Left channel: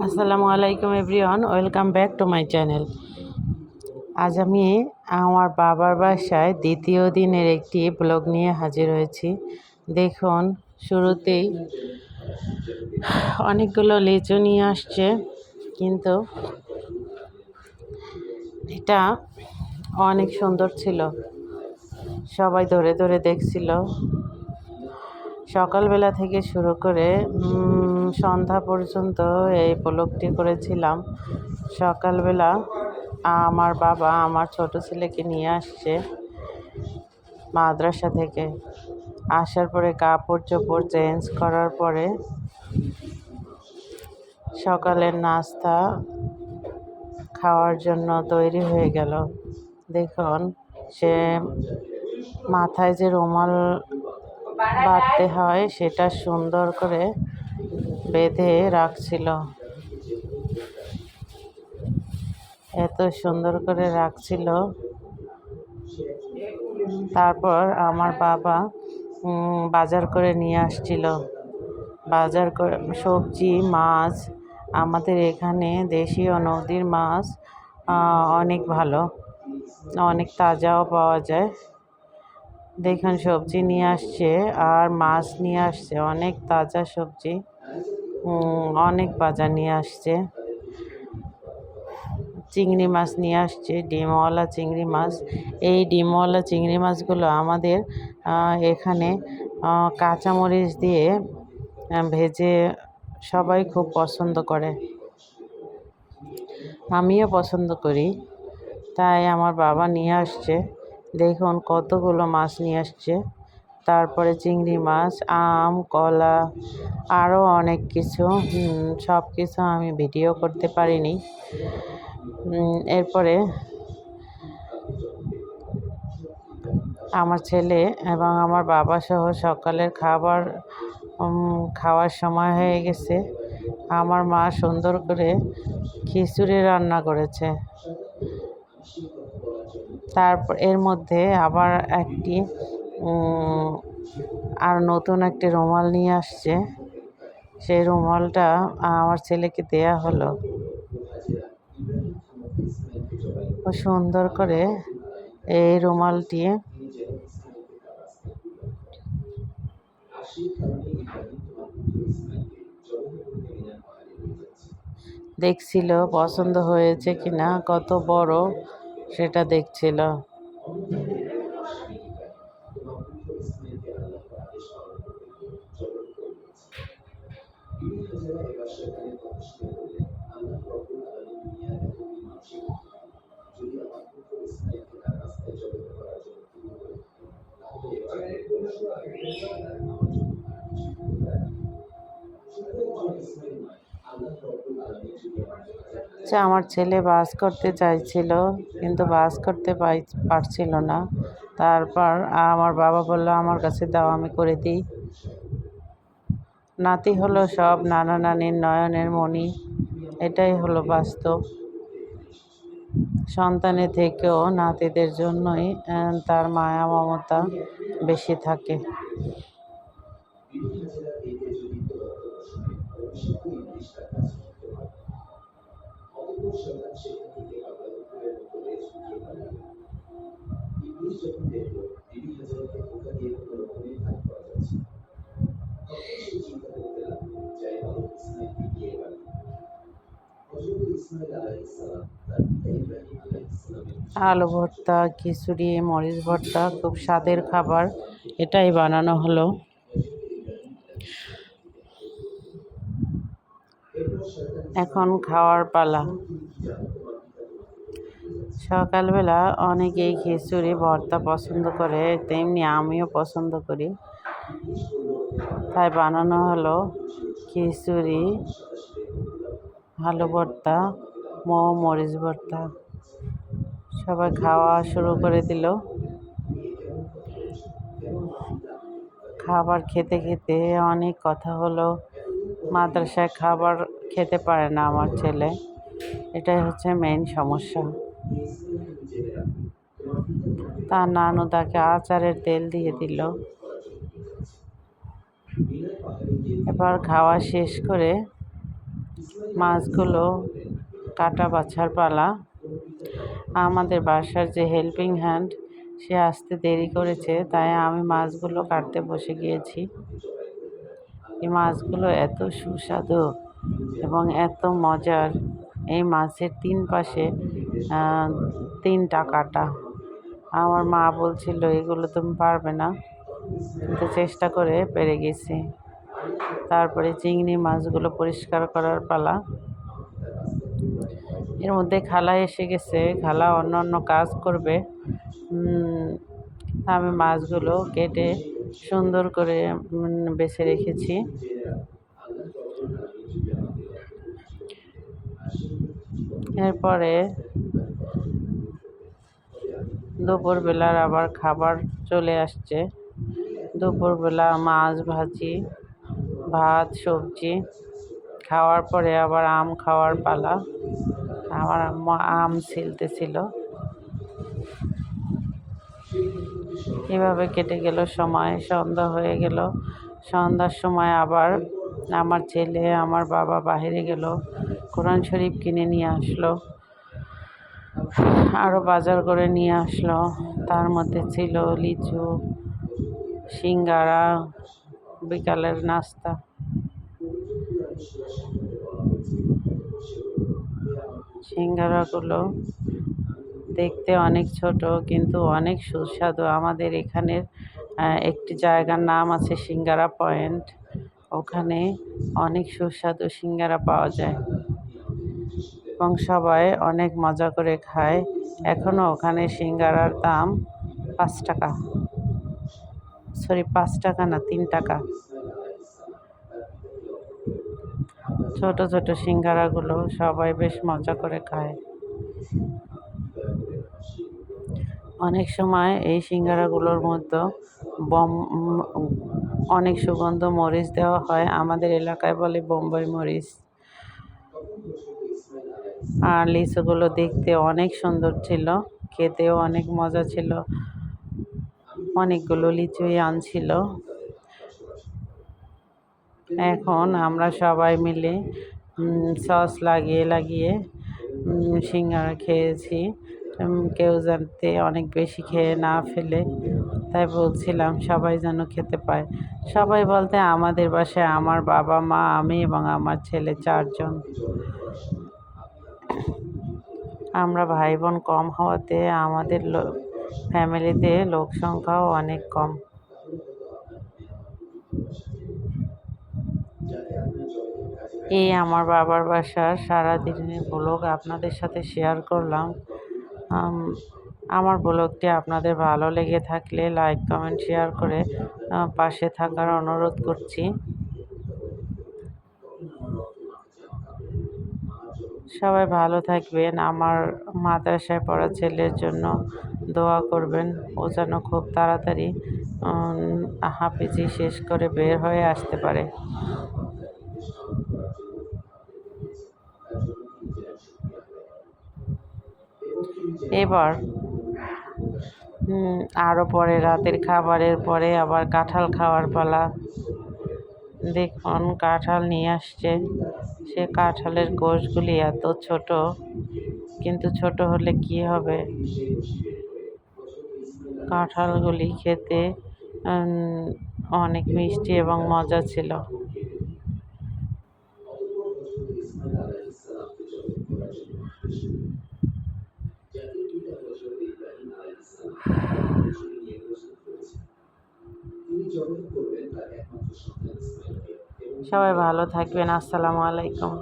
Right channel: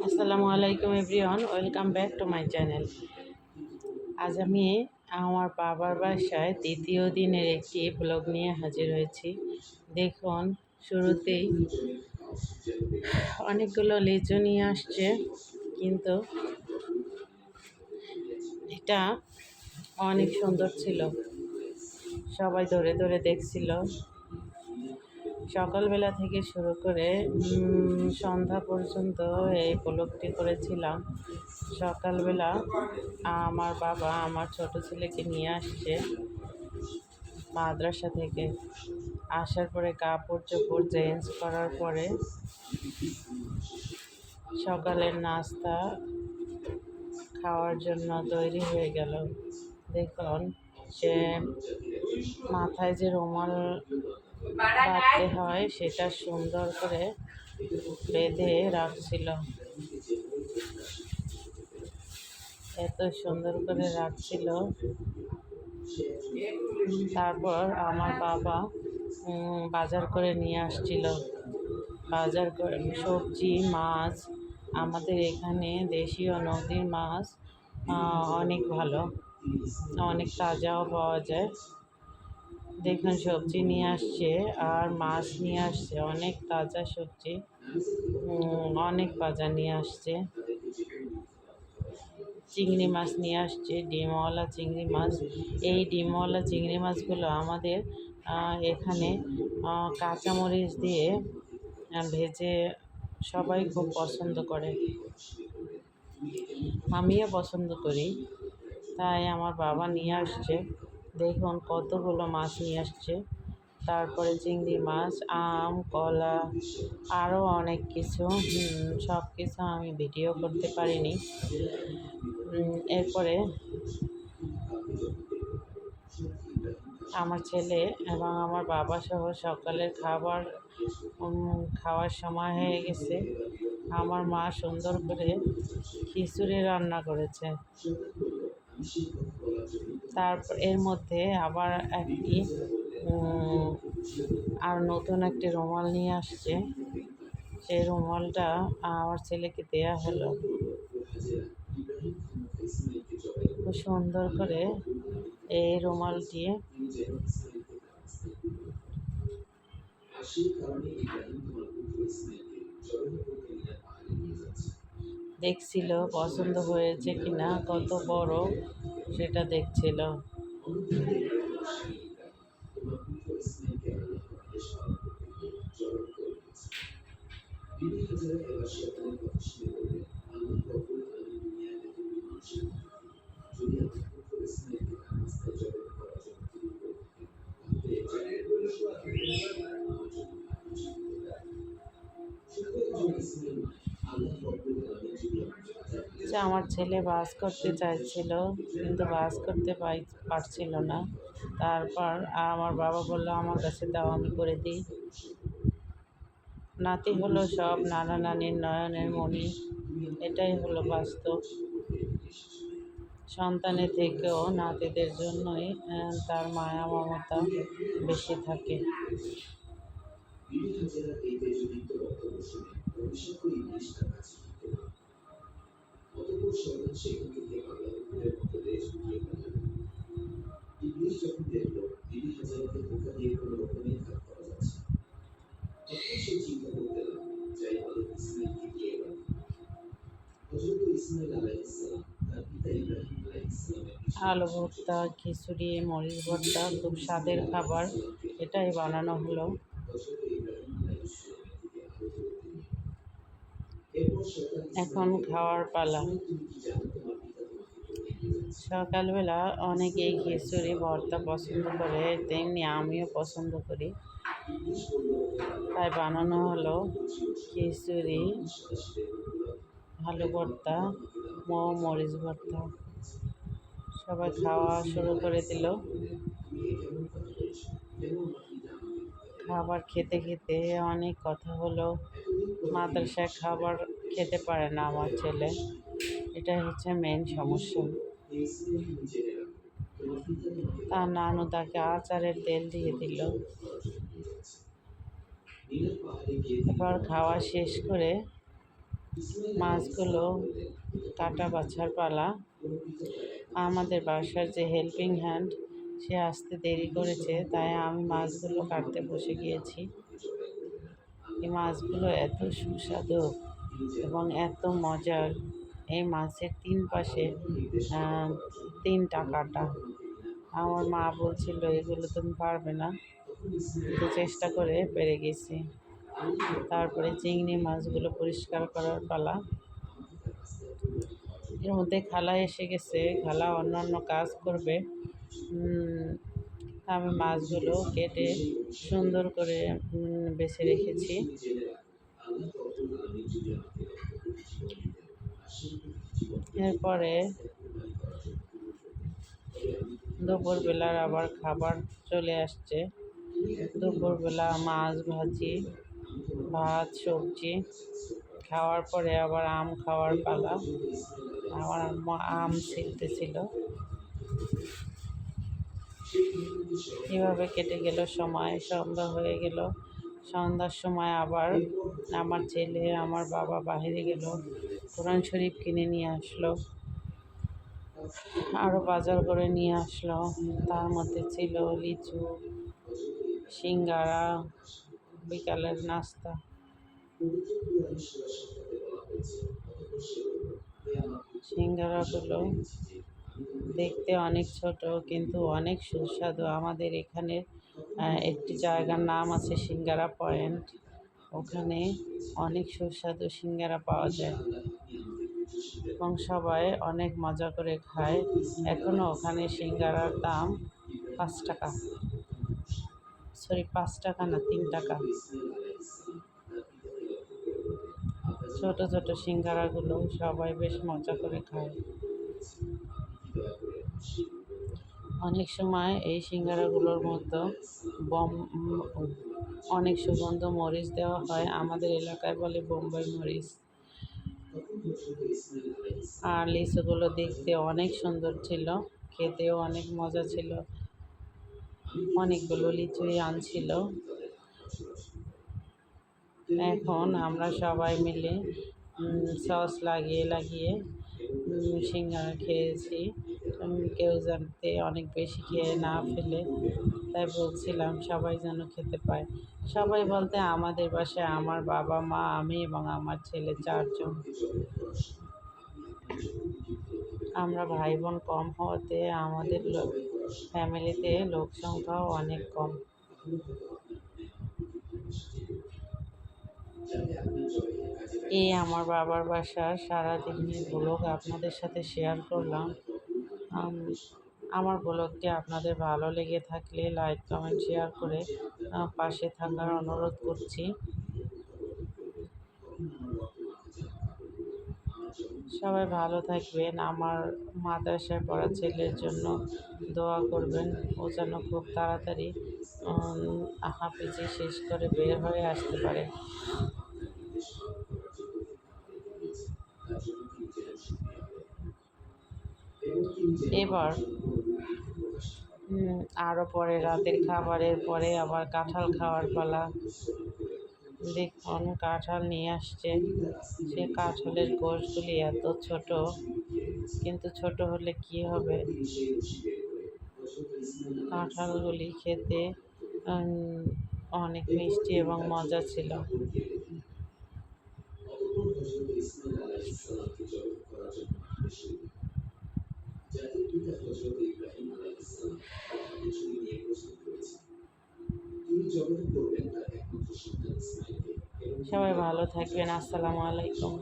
আসসালামু আলাইকুম everyone, welcome back to my channel. আজ আমি আমার বাবার বাসায় দ্বিতীয় দিনের একটি ব্লগ নিয়ে হাজির হয়েছি। দেখুন, শুরুতেই অনেকগুলো লিচু নিয়ে আসছে, কিন্তু এটা অনেক সুন্দর ছিল। সবাই ধরে ধরে দেখছিল। সকালবেলা থেকে শুরু করে সন্ধ্যা পর্যন্ত এই ব্লগটি করেছিলাম। সকালবেলা আমার বাবা আমার ছোট ছেলেকে নিয়ে আসছে মাদ্রাসা থেকে। আসার পরে কাপড় চোপড় চেঞ্জ করার পরে সকালের নাস্তা খাওয়ার জন্য তৈরি হয়ে গেল। দেখুন, সে মাথায় যে রুমাল বাঁধতে হয় সেটা সুন্দর করে বেঁধে রাখছিল। এত সুন্দর করে রাখছিল। তারপর আমার বাবা বাজার করে নিয়ে আসছিল। বাজার করে সবজি, মাছ। আমাদের এখানে দেশীয় নদীর মাছ অনেক ভালো, অনেক তাজাও পাওয়া যায়। দেখুন, সবজি নিয়ে আসছে আর মাছ নিয়ে আসছে, অনেক তাজা সবজি, অনেক বাজার নিয়ে আসছে। চিংড়ি মাছ নিয়ে আসছে, ডিমওয়ালা চিংড়ি মাছ। এই ডিমওয়ালা চিংড়ি মাছগুলো আমাদের এখানে কাঁচামরিচ দিয়ে ভেজে সবাই খুব পছন্দ করে, আমিও পছন্দ করি। তাই আমার বাবা নিয়ে আসছে। দেখুন, কতগুলো মাছ নিয়ে আসছে। তারপরে চিংড়ি মাছ, আম, কলা, আরও অনেক কিছু। সব কিছু আমি ভিডিও করতে পারিনি। এরপরে আমার ছেলে এবং আমার বাবা সহ সকালের খাওয়ার সময় হয়ে গেছে। আমার মা সুন্দর করে খিচুড়ি রান্না করেছে। তারপর এর মধ্যে আবার আর নতুন একটি রুমাল নিয়ে আসছে। সেই রুমালটা আমার ছেলেকে দেয়া হলো। ও সুন্দর করে এই রুমালটি দেখছিল পছন্দ হয়েছে কিনা, কত বড় সেটা দেখছিল। আমার ছেলে বাস করতে চাইছিল, কিন্তু বাস করতে পারছিল না। তারপর আমার বাবা বলল, আমার কাছে দাও, আমি করে দিই। নাতি হলো সব নানা নানির নয়নের মণি। এটাই হলো বাস্তব। সন্তানের থেকেও নাতিদের জন্যই তার মায়া মমতা বেশি থাকে। আলু ভর্তা, খিচুড়ি, মরিচ ভর্তা, খুব স্বাদের খাবার। এটাই বানানো হলো। এখন খাওয়ার পালা। সকালবেলা অনেকেই খিচুড়ি ভর্তা পছন্দ করে, তেমনি আমিও পছন্দ করি। তাই বানানো হলো খিচুড়ি, আলু ভর্তা, মরিচ ভর্তা। সবাই খাওয়া শুরু করে দিল। খাবার খেতে খেতে অনেক কথা হলো। মাদ্রাসায় খাবার খেতে পারে না আমার ছেলে, এটাই হচ্ছে মেইন সমস্যা। তার নানু তাকে আচারের তেল দিয়ে দিল। এবার খাওয়া শেষ করে মাছগুলো কাটা বাছার পালা। আমাদের বাসার যে হেল্পিং হ্যান্ড সে আসতে দেরি করেছে, তাই আমি মাছগুলো কাটতে বসে গিয়েছি। এই মাছগুলো এত সুস্বাদু এবং এত মজার। এই মাছের তিন পাশে আহ, তিনটা কাটা। আমার মা বলছিল এগুলো তুমি পারবে না, কিন্তু চেষ্টা করে পেরে গেছি। তারপরে চিংড়ি মাছগুলো পরিষ্কার করার পালা। এর মধ্যে খালা এসে গেছে, খালা অন্য অন্য কাজ করবে। আমি মাছগুলো কেটে সুন্দর করে বেছে রেখেছি। এরপরে দুপুরবেলার আবার খাবার চলে আসছে। দুপুরবেলা মাছ ভাজি, ভাত, সবজি খাওয়ার পরে আবার আম খাওয়ার পালা। আমার আম্মা আম ছিলতেছিল। এভাবে কেটে গেল সময়, সন্ধ্যা হয়ে গেল। সন্ধ্যার সময় আবার আমার ছেলে, আমার বাবা বাইরে গেল, কোরআন শরীফ কিনে নিয়ে আসলো, আরও বাজার করে নিয়ে আসলো। তার মধ্যে ছিল লিচু, সিঙ্গারা, বিকালের নাস্তা। সিঙ্গারাগুলো দেখতে অনেক ছোট কিন্তু অনেক সুস্বাদু। আমাদের এখানের একটি জায়গার নাম আছে সিঙ্গারা পয়েন্ট। ওখানে অনেক সুস্বাদু সিঙ্গারা পাওয়া যায় এবং সবাই অনেক মজা করে খায়। এখনও ওখানে সিঙ্গারার দাম 5 টাকা, সরি 5 টাকা না, 3 টাকা। ছোট ছোট সিঙ্গারাগুলো সবাই বেশ মজা করে খায়। অনেক সময় এই সিঙ্গারাগুলোর মধ্যে অনেক সুগন্ধ মরিচ দেওয়া হয়। আমাদের এলাকায় বলে বোম্বাই মরিচ। আর লিচুগুলো দেখতে অনেক সুন্দর ছিল, খেতেও অনেক মজা ছিল। অনেকগুলো লিচুই আনছিল। এখন আমরা সবাই মিলে সস লাগিয়ে লাগিয়ে সিঙ্গারা খেয়েছি। কেউ যাতে অনেক বেশি খেয়ে না ফেলে, তাই বলছিলাম সবাই যেন খেতে পায়। সবাই বলতে আমাদের বাসায় আমার বাবা, মা, আমি এবং আমার ছেলে 4 জন। আমরা ভাই বোন কম হওয়াতে আমাদের ফ্যামিলিতে লোক সংখ্যাও অনেক কম। এই আমার বাবার বাসার সারাদিনের ব্লগ আপনাদের সাথে শেয়ার করলাম। আমার ব্লগটি আপনাদের ভালো লেগে থাকলে লাইক, কমেন্ট, শেয়ার করে পাশে থাকার অনুরোধ করছি। সবাই ভালো থাকবেন। আমার মাদ্রাসায় পড়া ছেলের জন্য দোয়া করবেন। ও যেন খুব তাড়াতাড়ি হাফিজি শেষ করে বের হয়ে আসতে পারে। এবার আরও পরে রাতের খাবারের পরে আবার কাঁঠাল খাওয়ার পালা। দেখুন কাঁঠাল নিয়ে আসছে। সে কাঁঠালের কোষগুলি এত ছোট, কিন্তু ছোট হলে কি হবে, কাঁঠালগুলি খেতে অনেক মিষ্টি এবং মজা ছিল। সবাই ভালো থাকবেন। আসসালামু আলাইকুম।